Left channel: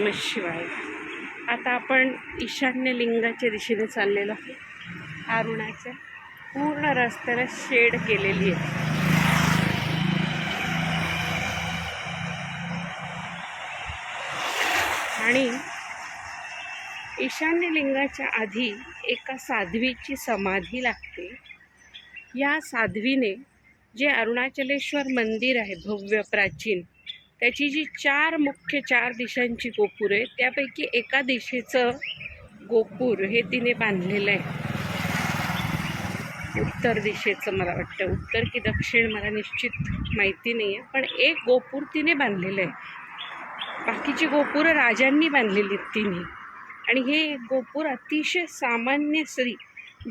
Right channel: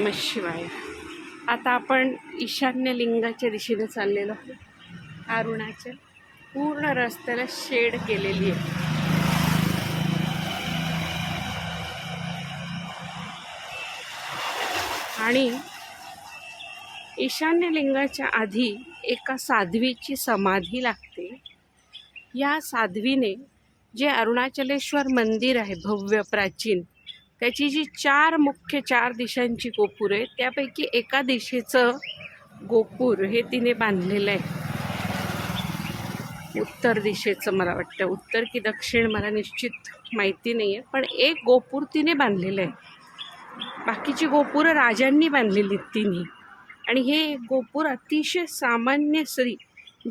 नम शिवाय. आता आपण ईशान्य लिंगाच्या दिशेने चाललेलो आहोत. अरुणाच्या पूर्ण रस्त्याला शेड केलेली आहे. आणि ईशान्य लिंगाच्या आधी एका साध्वीची समाधी लागते. या साध्वीने जे अरुणाचलेश्वर मंदिर आहे भव्य प्राचीन त्याची जी चार मुख्य चार दिशांची गोपूर आहे त्यापैकी एका दिशेचं गोपूर हे तिने बांधलेलं आहे. उत्तर दिशेचं मला वाटतं. उत्तर की दक्षिण मला निश्चित माहिती नाही आहे पण एक गोपूर तिने बांधलेलं आहे. बाकीची गोपुरं राजांनी बांधलेली आहेत आणि हे गोपूर अतिशय सामान्य स्त्री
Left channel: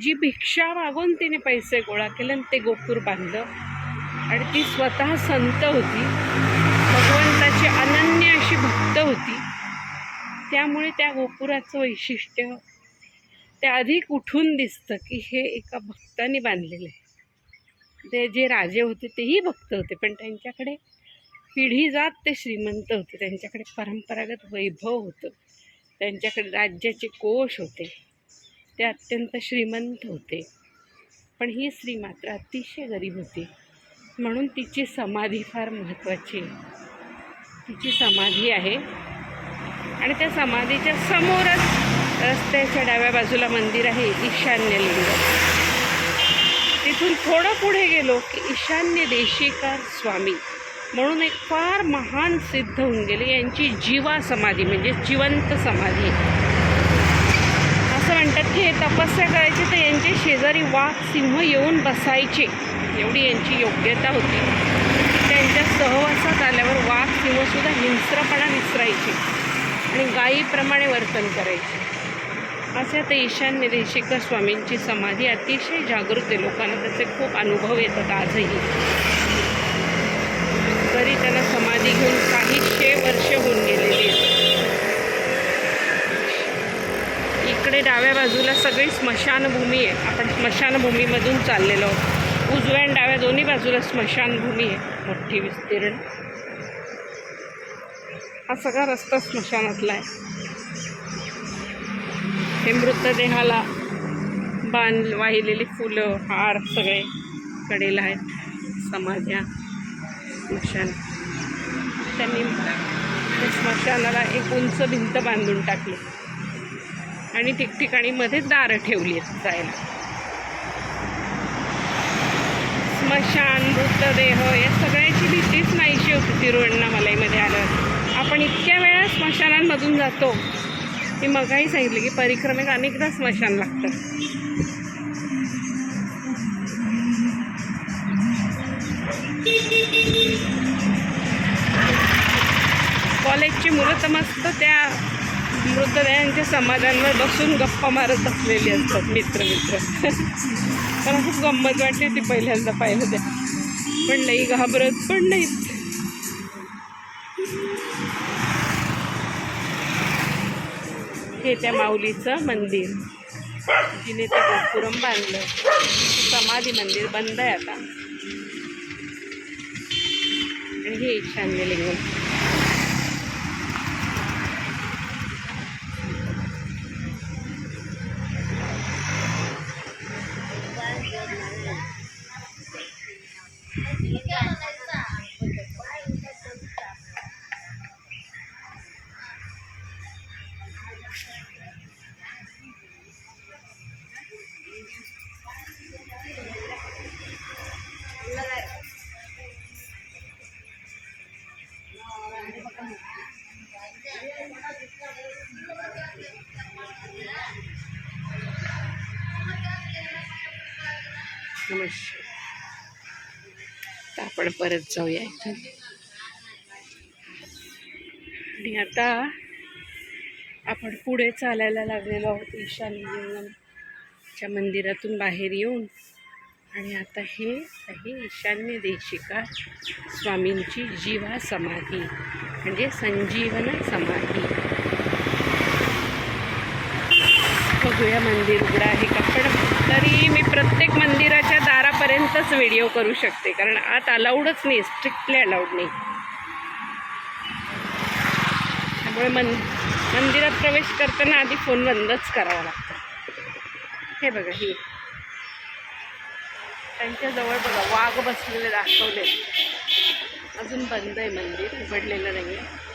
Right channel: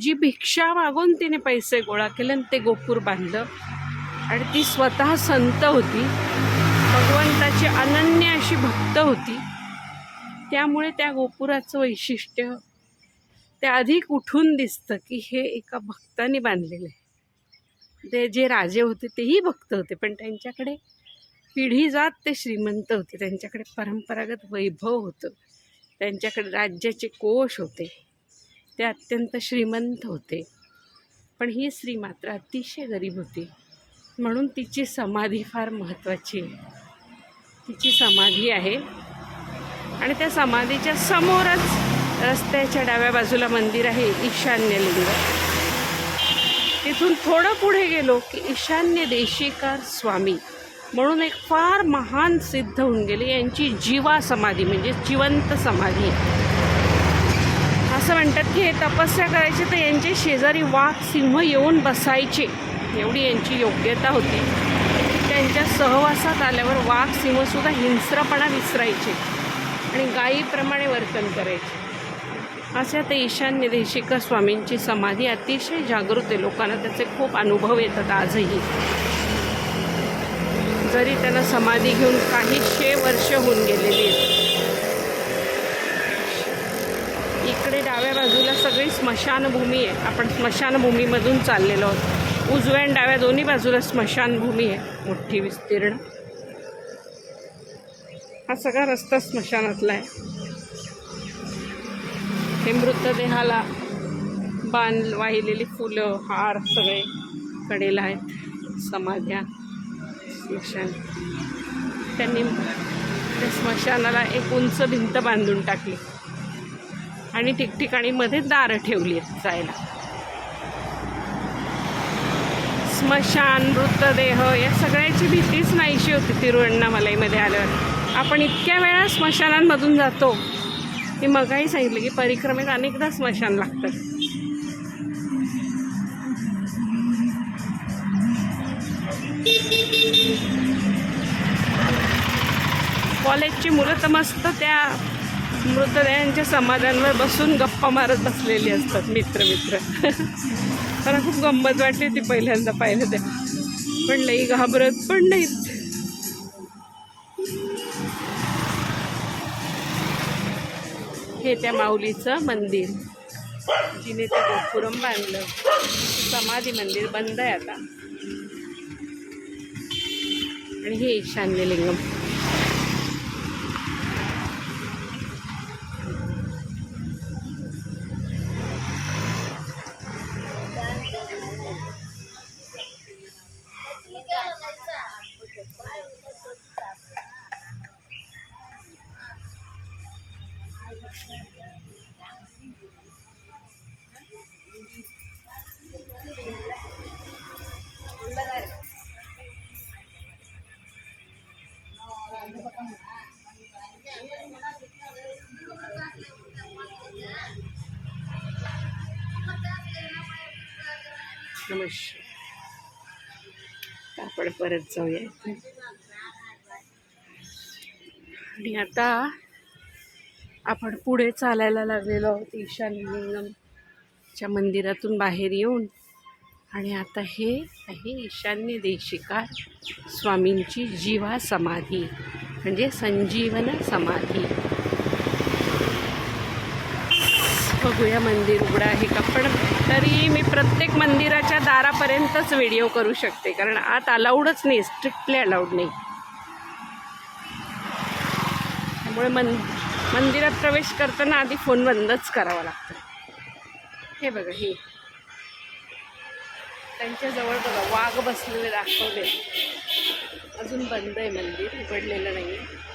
जी भिक्षा मागून तिने पैसे गोळा केले आणि ते गोपूर बांधलं. आणि ती स्वतः संत होती. भगवंताची अनन्य अशी भक्त होती. त्यामुळे त्या गोपुराचं वैशिष्ट्य ते अधिक उठून दिसतं की हे एका भक्ताने बांधलेलं आहे. ते जे राजे होते तेही भक्त होते पण त्यांच्याकडे पिढी जात ते श्रीमंत होते. त्यांच्याकडे परंपरागत वैभव होतं. त्यांच्याकडे राज्याचे कोश होते. ते अत्यंत श्रीमंत होते. पण ही स्त्री मात्र अतिशय गरीब होती. म्हणून तिची समाधी फार महत्त्वाची आहे. तिची समाधी आहे. आणि त्या समाधीच्या समोरच रस्त्याच्या डाव्या बाजूला मंदिर आहे ईशान्य लिंग तिथून थोडं पुढे गेलो की ईशान्य देशीकार स्वामी म्हणून एक फार महान सिद्ध होऊन गेले. यांची जीवा समाधी म्हणजे जिवंत समाधी. असं म्हणतात की हे तपस्या करायचे तर यांचे शेजारी वाघ सिंह येऊन बसायचे. एवढी यांची योग्यता होती. त्यांच्या सहवासात आल्यावर वाघ सिंहसुद्धा हिंस्रपणा विसरायचे आणि गायीप्रमाणे वर्तन करायचे. अशा ते ईशान्य देशिका स्वामींची समाधी अतिशय जागृत आहे. लोकांना त्याचे खूप अनुभव येतात आजही. जरी त्यांना समाधी घेऊन काहीशे वर्ष होऊन गेलेली आहेत. इकडे डाव्या बाजूला सगळी स्मशानभूमी आहे. आपण स्मशानभूमीमधून चाललेलो आहोत. उजव्या आणि डाव्या दोन्ही बाजूला स्मशानभूमी आहे. मोठी विस्तीर्ण. हा सगळा रस्ता स्मशानातला आहे. हे मृतदेहाला बांध वाहिलेली फुलं हार सगळे कडेला आहेत. समाध्या स्मशान. त्यांनी त्या स्मशानाला एक उंच भिंत बांधून टाकली. आणि ठिकठिकाणी मध्ये दारं ठेवली आहेत जायला. स्मशान मृतदेह या सगळ्याची भीतीच नाहीशी होती तिरुवण्णामलाईमध्ये आल्यावर. आपण इतक्या वेळा स्मशानांमधून जातो मी मगाही सांगितलं की परिक्रमेत अनेकदा स्मशान लागतं. कॉलेजची मुलं तर मस्त त्या मृतदेहांच्या समाधानवर बसून गप्पा मारत बसलेली असतात मित्र मित्र. मला खूप गंमत वाटली ती पहिल्यांदा पाहिलं ते. पण लई घाबरत पण नाहीत हे त्या माऊलीचं मंदिर. जिने ते गोपुरम बांधलं. ते समाधी मंदिर बंद आहे आता. आणि हे ईशान्य लिंगम नमस्कार. आपण परत जाऊया इथून. आणि आता आपण पुढे चालायला लागलेलो आहोत ईशान्यलिंगमच्या मंदिरातून बाहेर येऊन. आणि आता हे आहे ईशान्य देशिका स्वामींची जीवा समाधी म्हणजे संजीवन समाधी. बघूया मंदिर उघडं आहे का पण तरी मी प्रत्येक मंदिराच्या दारापर्यंतच व्हिडिओ करू शकते कारण आत अलाउडच नाही स्ट्रिक्टली अलाउड नाही. त्यामुळे मन मंदिरात प्रवेश करताना आधी फोन बंदच करावा लागतो. हे बघा ही. त्यांच्याजवळ बघा वाघ बसलेले दाखवले अजून बंद आहे मंदिर उघडलेलं नाही आहे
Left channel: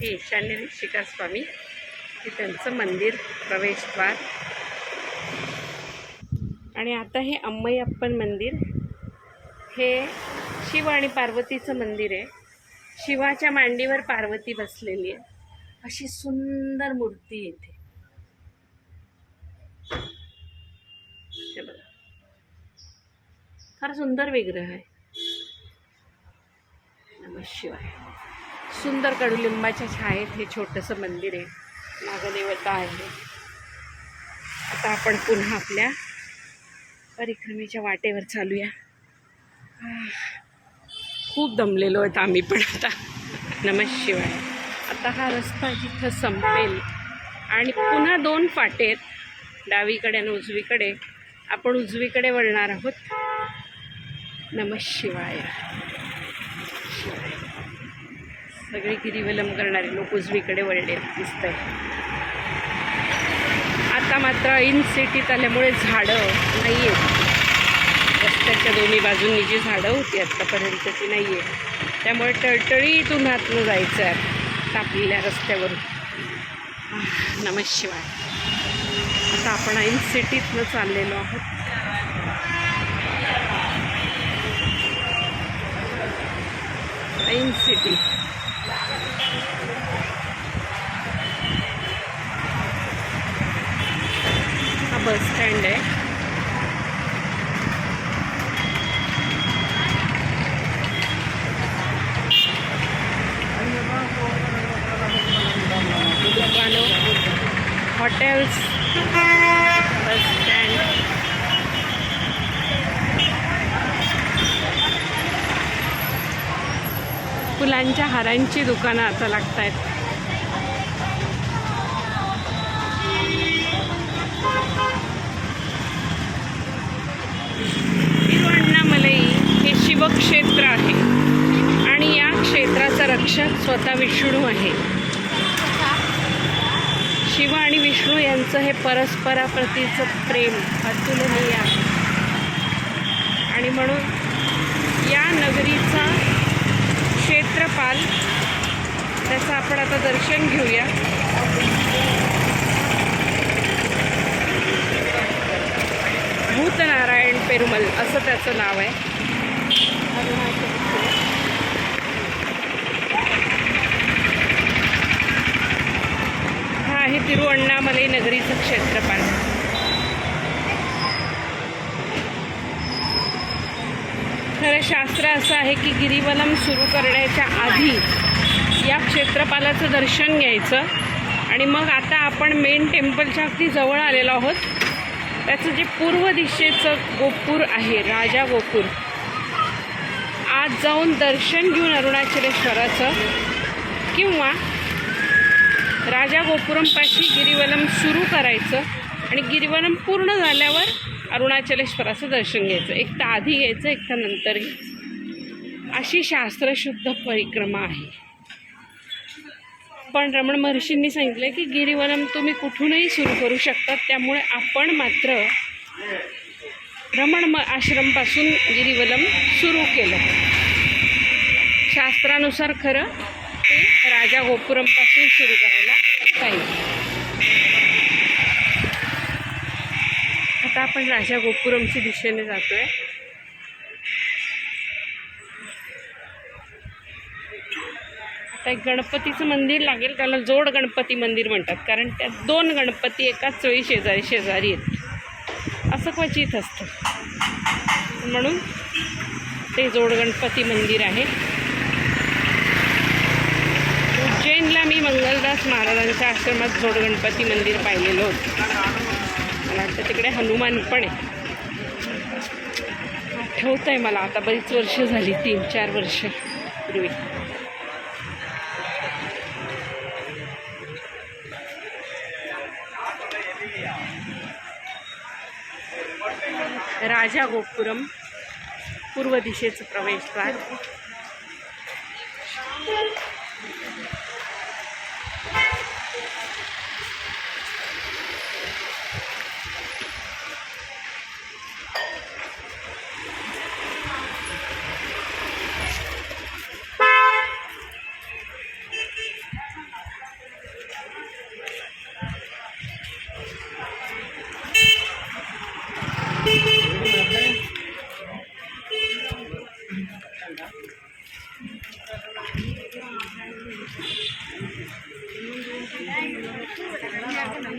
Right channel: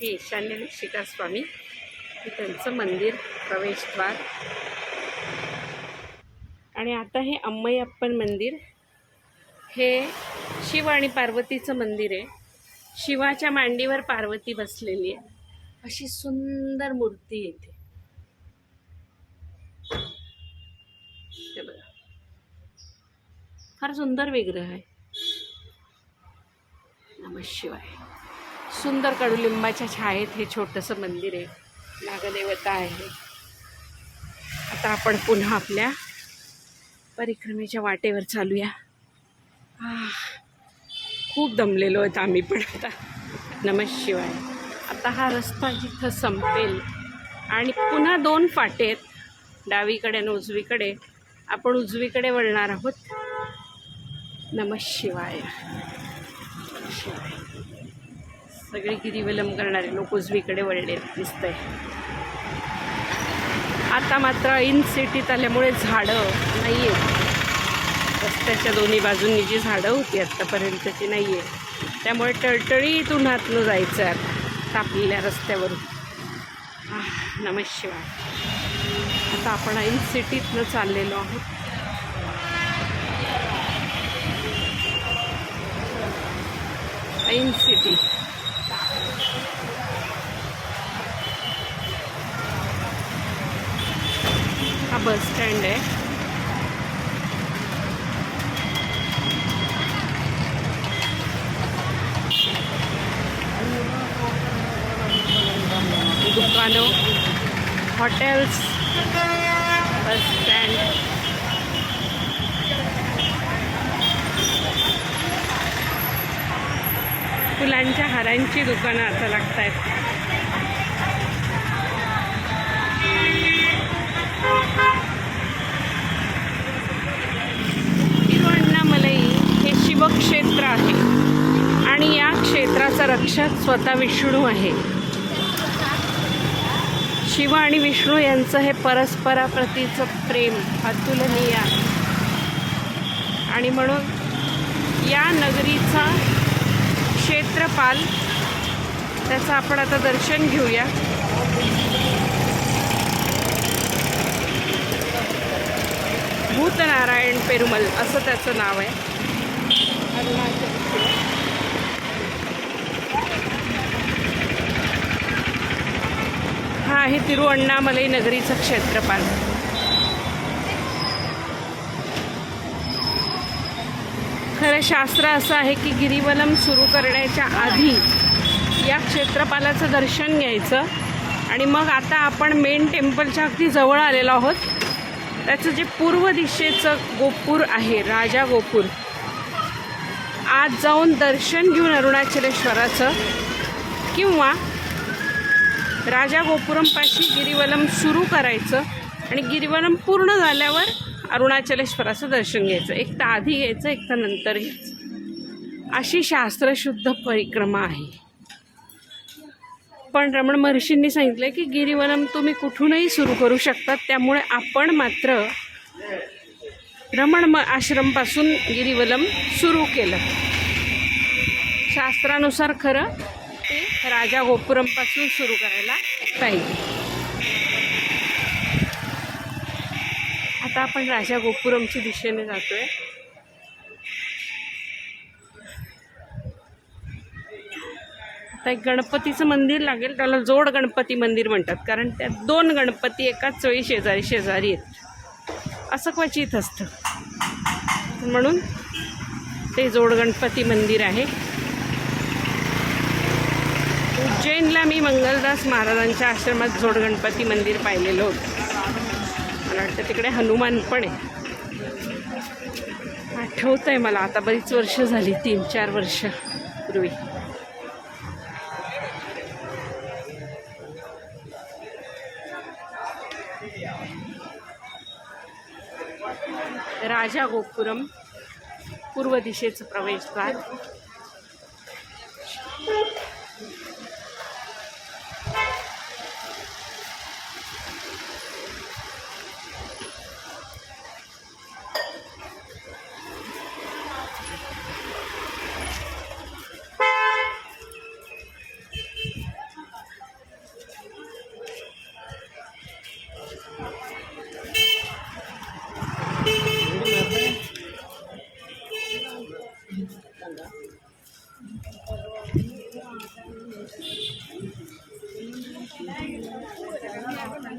हे ईशान्य शिकार स्वामी. हे त्यांचं मंदिर प्रवेशद्वार. आणि आता हे अम्मयप्पन मंदिर. हे शिव आणि पार्वतीचं मंदिर आहे. शिवाच्या मांडीवर पार्वती बसलेली आहे. अशी सुंदर मूर्ती येते हे बघा. फार सुंदर विग्रह आहे. नम शिवाय. सुंदर कडुलिंबाच्या छायेत हे छोटंसं मंदिर आहे. नागदेवता आहे. आता आपण पुन्हा आपल्या परिक्रमेच्या वाटेवर चालूया. खूप दमलेलो आहेत आम्ही पण आता. नमशिवाय आता हा रस्ता जिथं संपेल आणि पुन्हा दोन फाटे आहेत डावीकडे आणि उजवीकडे आपण उजवीकडे वळणार आहोत. नमशिवाय शिवाय. सगळे गिरीवलम करणारे लोक उजवीकडे वळले दिसतंय. आता मात्र ऐन सिटीत आल्यामुळे झाडं नाही आहेत रस्त्याच्या दोन्ही बाजूंनी जी झाडं होती आत्तापर्यंत ती नाही आहे त्यामुळे टळटळीत उन्हातनं जायचं आहे आता तापलेल्या रस्त्यावरून. आह, शिवाय. आता आपण ऐन सिटीतनं चाललेलो आहोत. ऐन सिटी. हा बस स्टँड आहे. दुकानं हॉटेल्स बस स्टँड. फुलांच्या हारांची दुकानं आता लागत आहेत तिरुअण्णामलई हे शिवक्षेत्र आहे. आणि या क्षेत्राचा रक्षक स्वतः विष्णू आहे. शिव आणि विष्णू यांचं हे परस्पराप्रतीचं प्रेम अतुलनीय आहे. आणि म्हणून या नगरीचा क्षेत्रपाल त्याचं आपण आता दर्शन घेऊया. भूतनारायण पेरुमल असं त्याचं नाव आहे. अरुणाचल हा आहे तिरुअण्णामलई नगरीचं क्षेत्रपाल खरं शास्त्र असं आहे की गिरिवनम सुरू करण्याच्या आधी या क्षेत्रपालाचं दर्शन घ्यायचं आणि मग आता आपण मेन टेम्पलच्या अगदी जवळ आलेलो आहोत. त्याचं जे पूर्व दिशेचं गोपूर आहे राजा गोपूर आज जाऊन दर्शन घेऊन अरुणाचलेश्वराचं किंवा राजा गोपुरमपाशी गिरिवलम सुरू करायचं आणि गिरिवलम पूर्ण झाल्यावर अरुणाचलेश्वराचं दर्शन घ्यायचं. एक तर आधी घ्यायचं एक तर नंतर घ्यायचं. अशी शास्त्रशुद्ध परिक्रमा आहे. पण रमण महर्षींनी सांगितलं की गिरीवलम तुम्ही कुठूनही सुरू करू शकता त्यामुळे आपण मात्र रमण म आश्रमपासून गिरीवलम सुरू केलं. शास्त्रानुसार खरं ते राजा गोपुरमपासून सुरू करायला पाहिजे. आता आपण राजा गोपुरमच्या दिशेने जातोय. आता एक गणपतीचं मंदिर लागेल त्याला जोड गणपती मंदिर म्हणतात. कारण त्यात दोन गणपती एकाच वेळी शेजारी शेजारी आहेत. असं क्वचित असतं. म्हणून ते जोड गणपती मंदिर आहे. उज्जैनला मी मंगलदास महाराजांच्या आश्रमात जोड गणपती मंदिर पाहिलेलं होतं. मला वाटतं तिकडे हनुमान पण आहे. आठवत आहे मला आता बरीच वर्ष झाली तीन चार वर्ष पूर्वी. राजा गोपुरम पूर्व दिशेचं प्रवेशद्वार.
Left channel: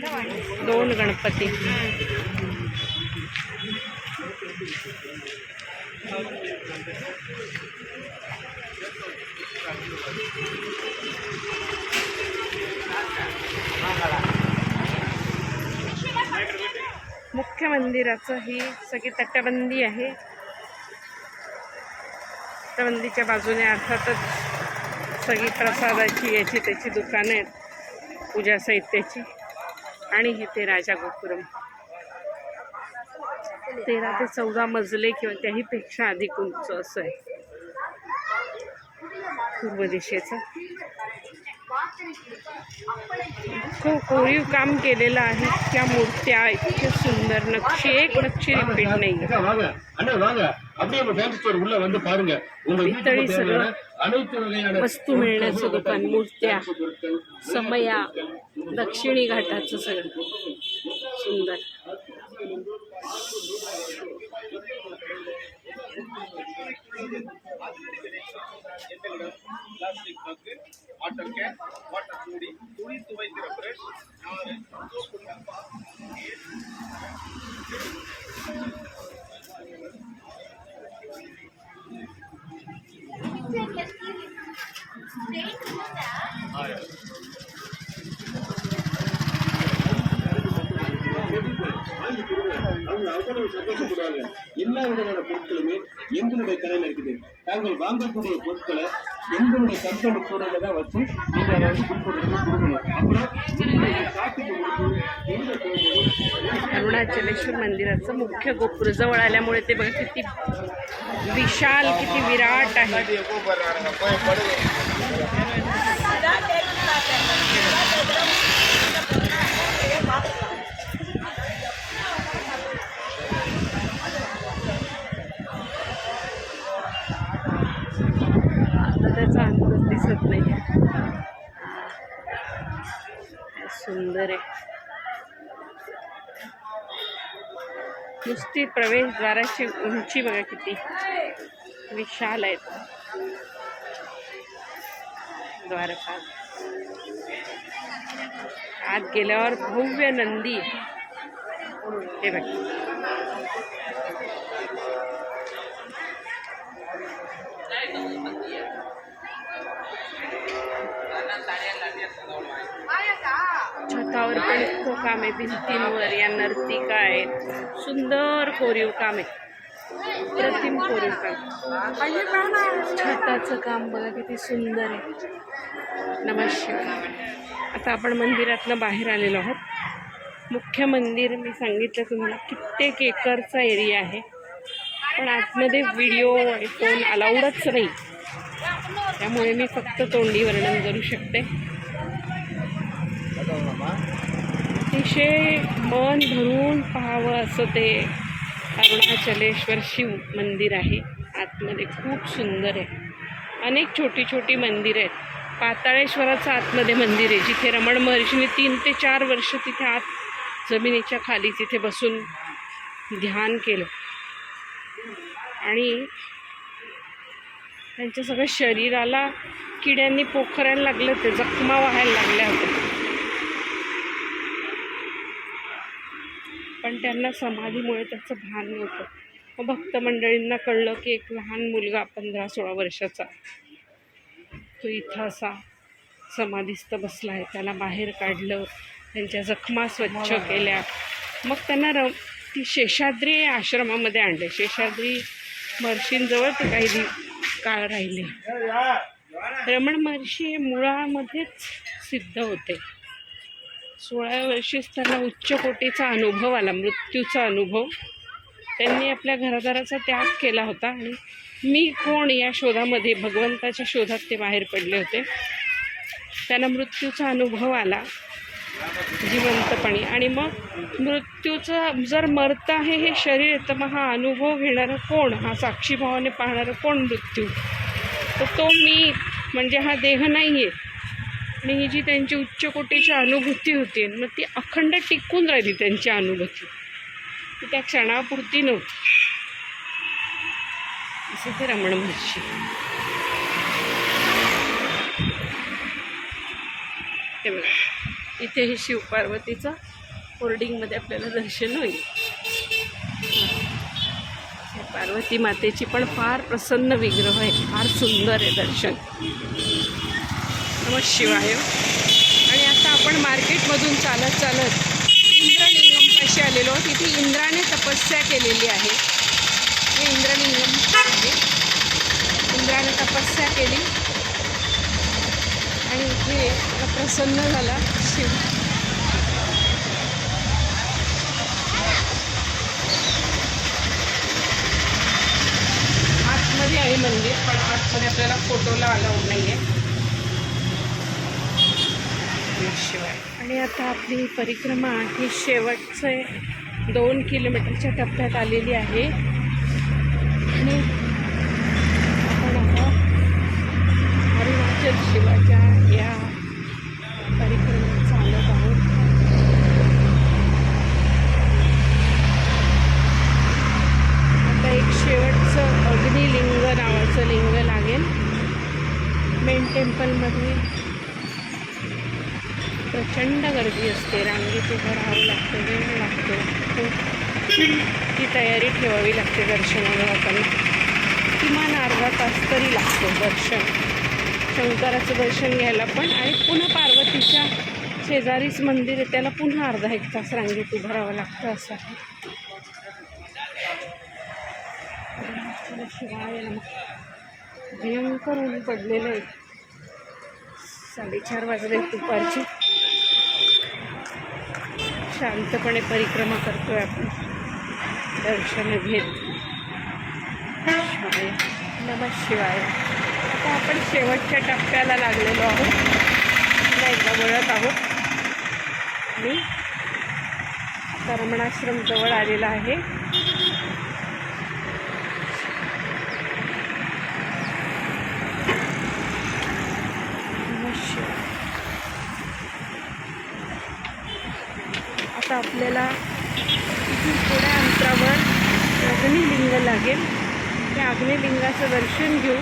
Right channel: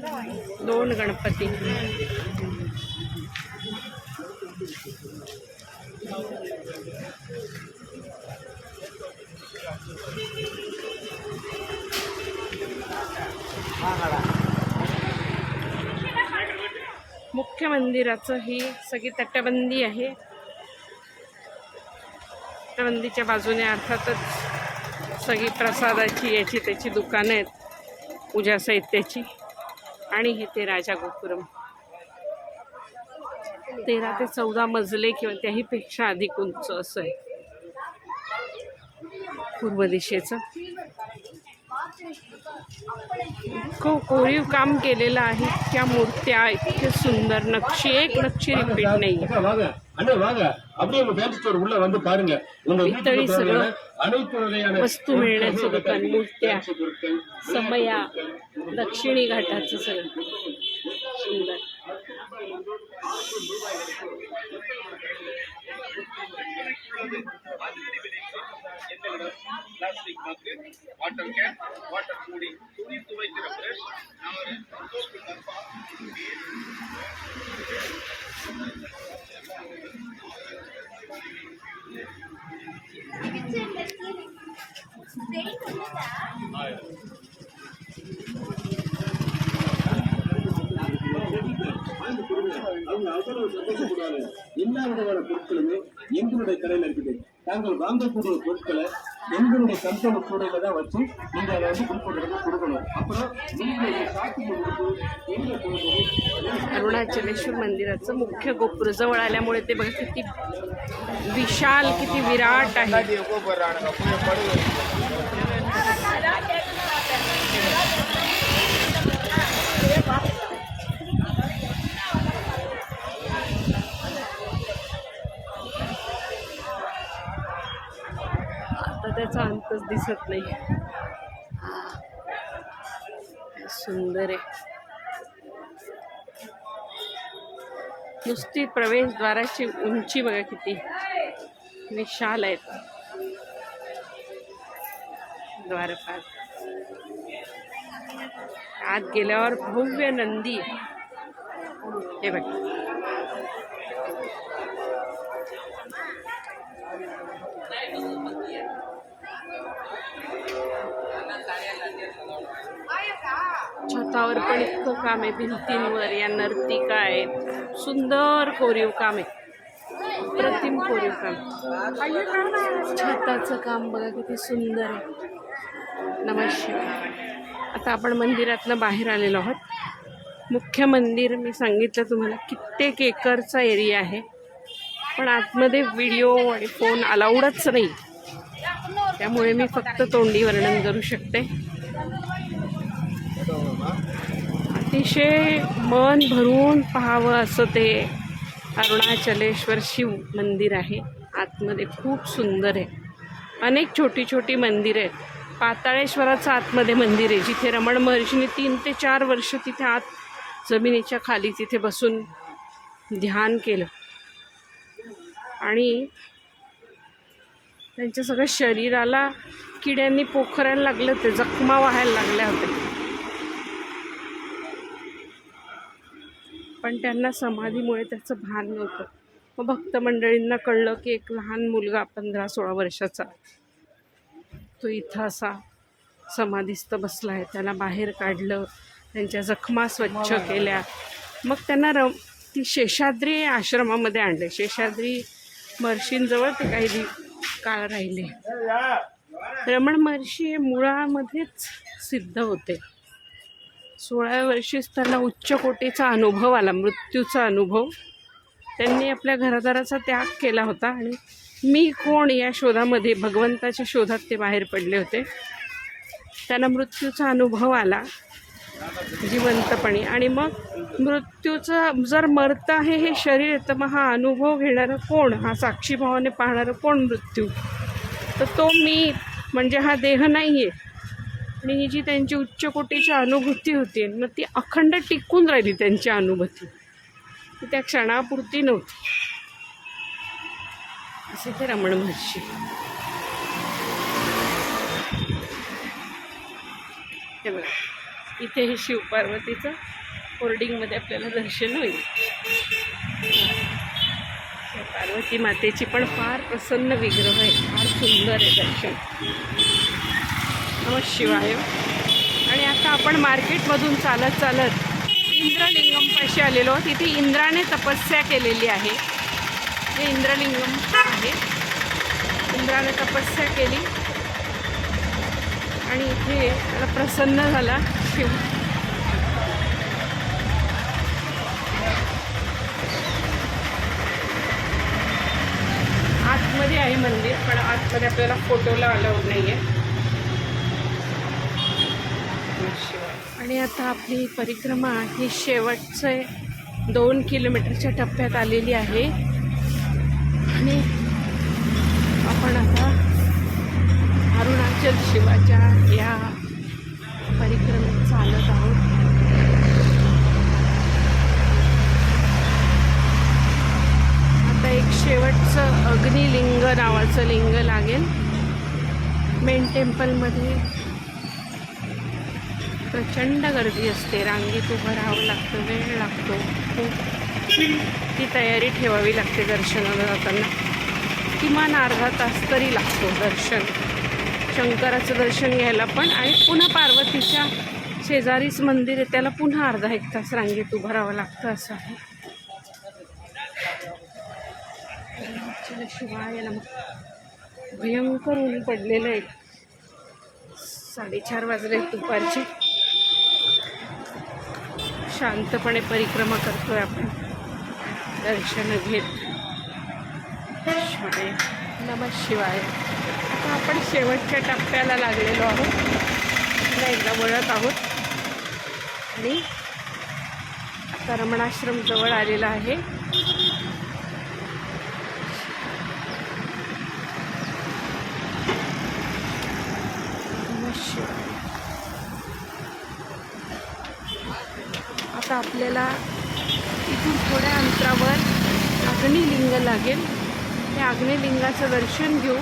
दोन गणपती. मुख्य मंदिराचं ही सगळी तटबंदी आहे. तटबंदीच्या बाजूने अर्थातच सगळी प्रसादाची याची त्याची दुकानं आहेत. पूजा साहित्याची. आणि हे ते राजा गोपुरम तेरा ते चौदा मजले किंवा त्याही पेक्षा अधिक उंच असं आहे. पूर्व दिशेचं. को कोरीव काम केलेलं आहे. त्या मूर्त्या इतक्या सुंदर नक्षी एक नक्षी रिपीट नाही. इतरी वस्तू मिळण्याचं दुकान मूर्त्या समया दक्षिणी घाटाचं सगळं. सुंदर. Plastic mug water can water மூடி துணி துவைக்கிற பிரஷ் நாறு சோப்பு டப்பா எல்லா விதமான பொருட்களுமே எங்களுடைய கடையில இருக்குது தாங்கள் வாங்கக்கூடிய பொருட்களை எங்களுடைய கம்பெனி கூடையில தான் வச்சு நீங்க அதை வந்து குறிப்பிட்ட கொடுக்கணும் அப்புறம் நீங்க காட்டுக்கு கொடுத்து எங்க போகணும் अरुणाचलेश्वर मंदिराचं मुख्य गोपुर जवळ आल्यामुळे ते बघा किती विशाल किती विराट आहे आता त्याचा अंतच दिसत नाही. सुंदर आहे. नुसती प्रवेशद्वाराची उंची बघा किती विशाल आहेत द्वारपाल. आत गेल्यावर भव्य नंदी. हे बघ. काम आहे भिंतींवर या नर्तिका आहेत? सुंदर कोरीव काम. आहे प्रतिम कोरीव काम. छताचं काम बघा किती सुंदर आहे. नमस्कार. आता आपण मंदिरातनं बाहेर आलेलो आहोत. मुख्य मंदिर मी सांगितलं तुम्हाला कित्येक एकरचा एरिया आहे. पण आतमध्ये व्हिडिओ आणि फोन अलाउडच नाही. त्यामुळे मी फक्त तोंडी वर्णन करू शकते. अतिशय मन भरून पाहावं असं ते अरुणाचलेश्वर शिव मंदिर आहे. आतमध्ये खूप सुंदर आहे. अनेक छोटी छोटी मंदिरं आहेत. पाताळेश्वराचं आतमध्ये मंदिर आहे जिथे रमण महर्षीने तीन ते चार वर्ष तिथे आत जमिनीच्या खाली तिथे बसून ध्यान केलं. आणि त्यांच्या सगळ्या शरीराला किड्यांनी पोखरायला लागलं ते जखमा व्हायला लागल्या होत्या. पण त्यांना समाधीमुळे त्याचं भान नव्हतं. मग भक्त मंडळींना कळलं की एक लहान मुलगा पंधरा सोळा वर्षाचा तो इथं असा समाधीस्थ बसला आहे त्याला बाहेर काढलं त्यांच्या जखमा स्वच्छ केल्या. मग त्यांना र ती शेषाद्री आश्रमामध्ये आणले. शेषाद्री महर्षींजवळ ते काही दि काळ राहिले. रमण महर्षी हे मुळामध्येच सिद्ध होते. सोळाव्या वर्षीच त्यांना उच्च कोटीचा अनुभव आला मृत्यूचा अनुभव. त्यांनी आपल्या घरादाराचा त्याग केला होता आणि मी कोण या शोधामध्ये भगवंताच्या शोधात ते बाहेर पडले होते. त्यांना मृत्यूचा अनुभव आला जिवंतपणी. आणि मग मृत्यूचं जर मरतं आहे हे शरीर तर मग हा अनुभव घेणारं कोण? हा साक्षीभावाने पाहणारं कोण मृत्यू? तर तो मी म्हणजे हा देह नाही आहे आणि ही जी त्यांची उच्च कोटीची अनुभूती होती मग ती अखंड टिकून राहिली त्यांची अनुभूती. ती त्या क्षणापुरती नव्हती. असे ते रमण महर्षी. हे बघा इथे हे शिवपार्वतीचं होर्डिंगमध्ये आपल्याला दर्शन होईल. हे पार्वती मातेची पण फार प्रसन्न विग्रह आहे फार सुंदर आहे दर्शन. नमः शिवाय. आणि आता आपण मार्केटमधून चालत चालत इंद्रलिंगमपाशी आलेलो आहोत. इथे इंद्राने तपस्या केलेली आहे. हे इंद्रलिंगम आहे. इंद्राने तपस्या केली. आणि इथे प्रसन्न झाला. शिव आतमध्ये आहे मंदिर पण आतमध्ये आपल्याला फोटोला अलाउड नाही आहे शिवाय. आणि आता आपली परिक्रमा ही शेवटचे दोन किलोमीटरच्या टप्प्यात आलेली आहे. आणि आपण आता अरुणाचल शिवाच्या या परिक्रमेत चालत आहोत. आता एक शेवटचं अग्निलिंग नावाचं लिंग लागेल. मेन टेम्पलमध्ये प्रचंड गर्दी असते. रांगेत उभं राहावं लागतं वेळ लागतो. खूप ती तयारी ठेवावी लागते दर्शनाला जाताना. किमान अर्धा तास तरी लागतो दर्शन. शंकराचं दर्शन घ्यायला पण आणि पुन्हा पार्वतीच्या शेजारीच मंदिर आहे त्याला पुन्हा अर्धा एक तास रांगेत उभं राहावं लागतं असं आहे. शिवाय मग भयंकर ऊन पडलेलं आहे. साडेचार वाजले दुपारचे. शांतपणे परिक्रमा करतोय आपण. दर्शन घेत. शिवाय. नम शिवाय. आता आपण शेवटच्या टप्प्याला लागलेलो आहोत. पुन्हा एकदा वळत आहोत. आणि आता रमणाश्रम जवळ आलेला आहे. नमः शिवाय. आता आपल्याला इथून थोड्या अंतरावर अग्निलिंग लागेल. त्या अग्निलिंगाचं दर्शन घेऊ.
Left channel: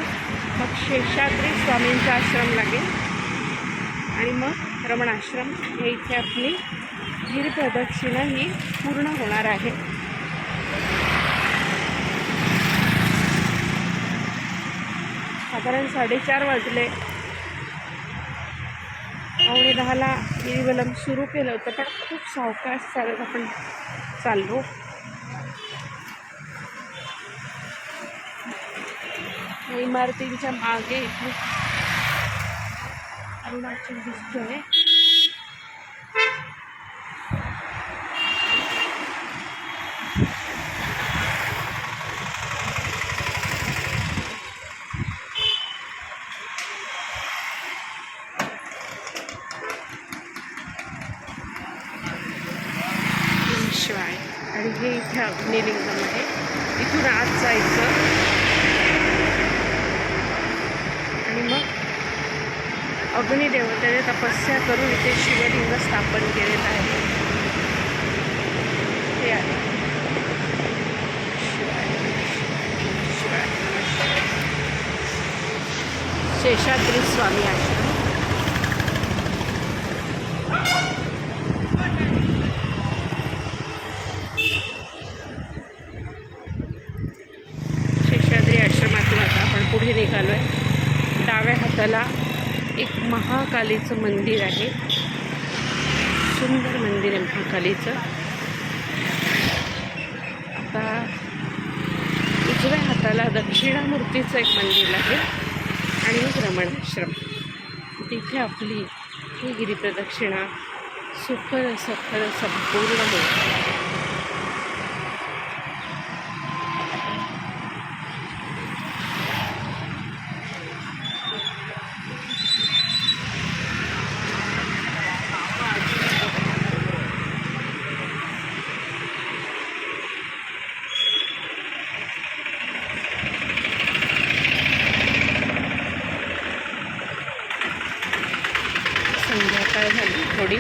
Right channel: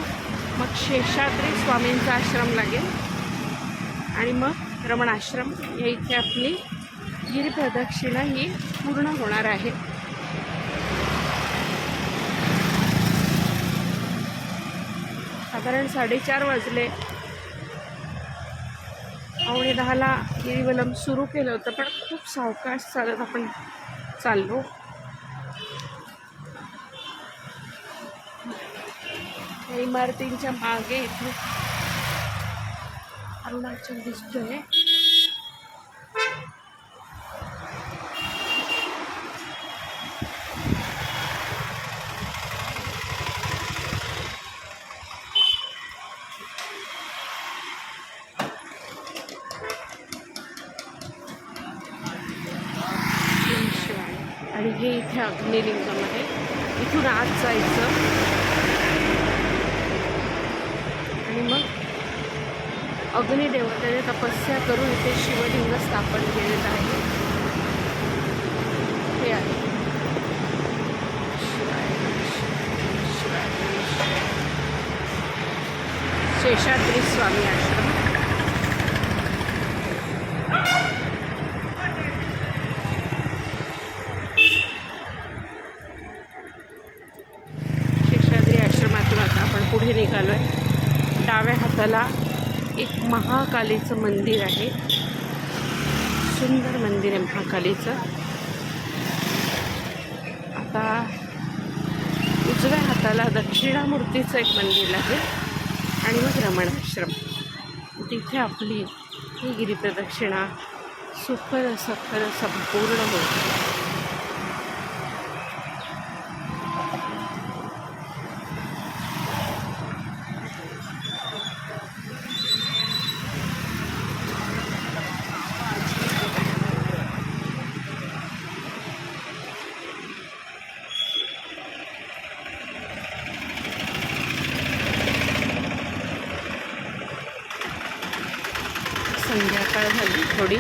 मग शेषाद्री स्वामींचा आश्रम लागेल. आणि मग रमणाश्रम. या इथे आपली गिरप्रदक्षिणा ही पूर्ण होणार आहे. साधारण साडेचार वाजले. पावणे दहाला गिरीवलम सुरू केलं होतं पण खूप सावकाश चालत आपण चाललो. इमारतींच्या मागे इथे अरुणाचल दिसतोय शिवाय आणि हे इथे अग्निलिंगम आहे इथून आत जायचं आणि मग अग्निदेवतेने तपस्या करून इथे शिवलिंग स्थापन केलेलं आहे हे आहे शिवाय नमस्कार शिवाय नमस्कार शेषाद्री स्वामी आहे शेषाद्री आश्रमातून आता आपण पुढे निघालो आहे डाव्या हाताला एक महाकालीचं मंदिर आहे. सुंदर मंदिर आहे महाकालीचं. आता उजव्या हाताला दक्षिणामूर्तीचं एक मंदिर आहे आणि मग रमणाश्रम. तिथे आपली ही गिरीप्रदक्षिणा सुखर सखर संपूर्ण होते सकाळ झाली थोडी.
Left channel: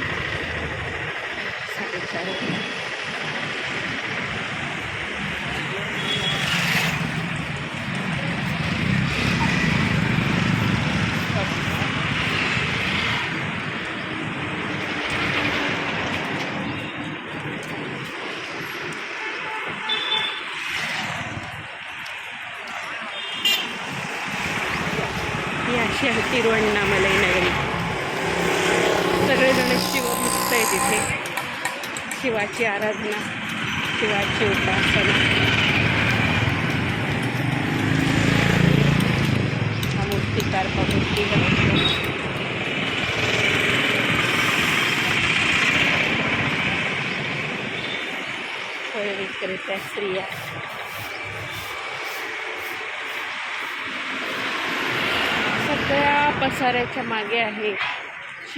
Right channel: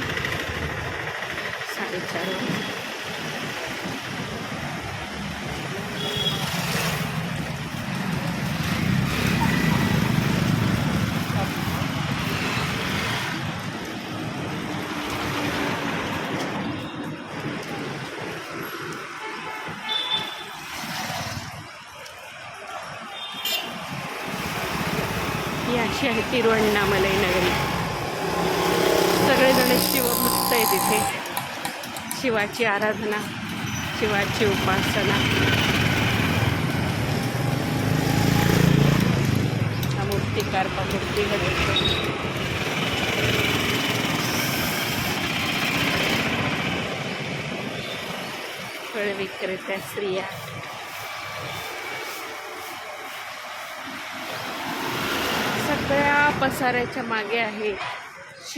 साडेचार. ही अशी आहे तिरुवण्णामलई नगरी. सगळेजण शिवभक्त आहेत इथे. शिवाची आराधना शिवाची उपासना. हा मूर्तिकार मूर्ती घडवतो फळ विक्रेत्या स्त्रिया. सगळ्या पसाऱ्याच्या मागे आहे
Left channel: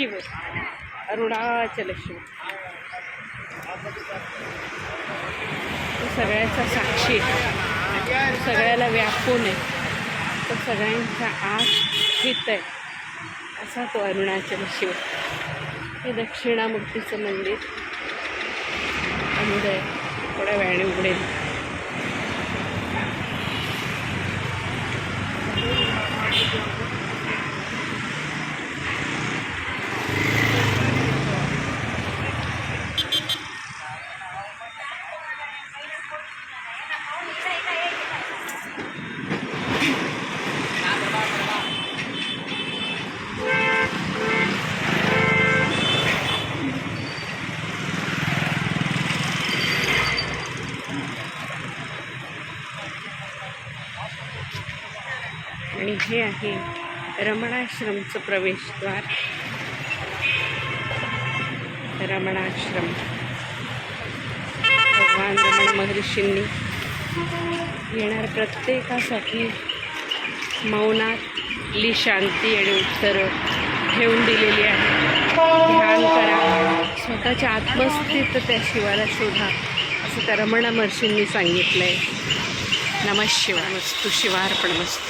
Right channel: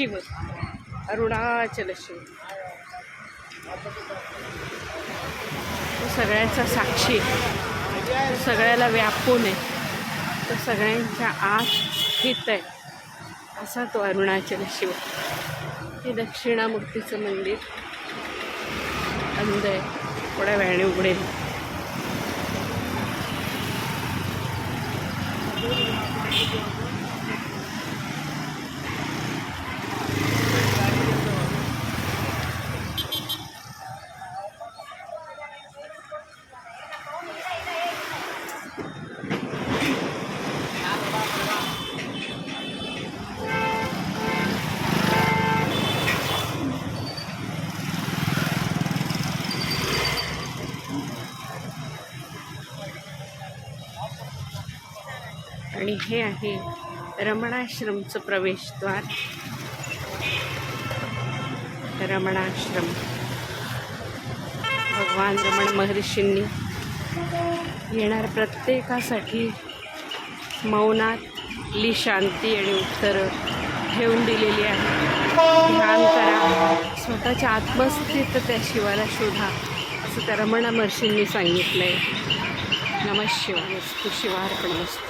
शिव अरुणाचल शिव तो सगळ्याचा साक्षी आहे. सगळ्याला व्यापून आहे. तो सगळ्यांच्या आत स्थित आहे. असा तो अरुणाचल शिव हे दक्षिणामूर्तीचं मंदिर. अंध. आहे थोड्या वेळाने उघडेल. आणि हे आहे रमणाश्रमचं प्रवेशद्वार. रमणाश्रम. भगवान रमण महर्षींनी येणार प्रत्येकासाठी मौनातली शांती आणि उत्तरं ठेवून दिलेली आहे. ध्यान करा. स्वतःच्या आत्मस्थित त्या शिवाला शोधा असं त्या रमण महर्षींनी सांगितलं आहे नमः शिवाय. मस्तू शिवार्पण मस्त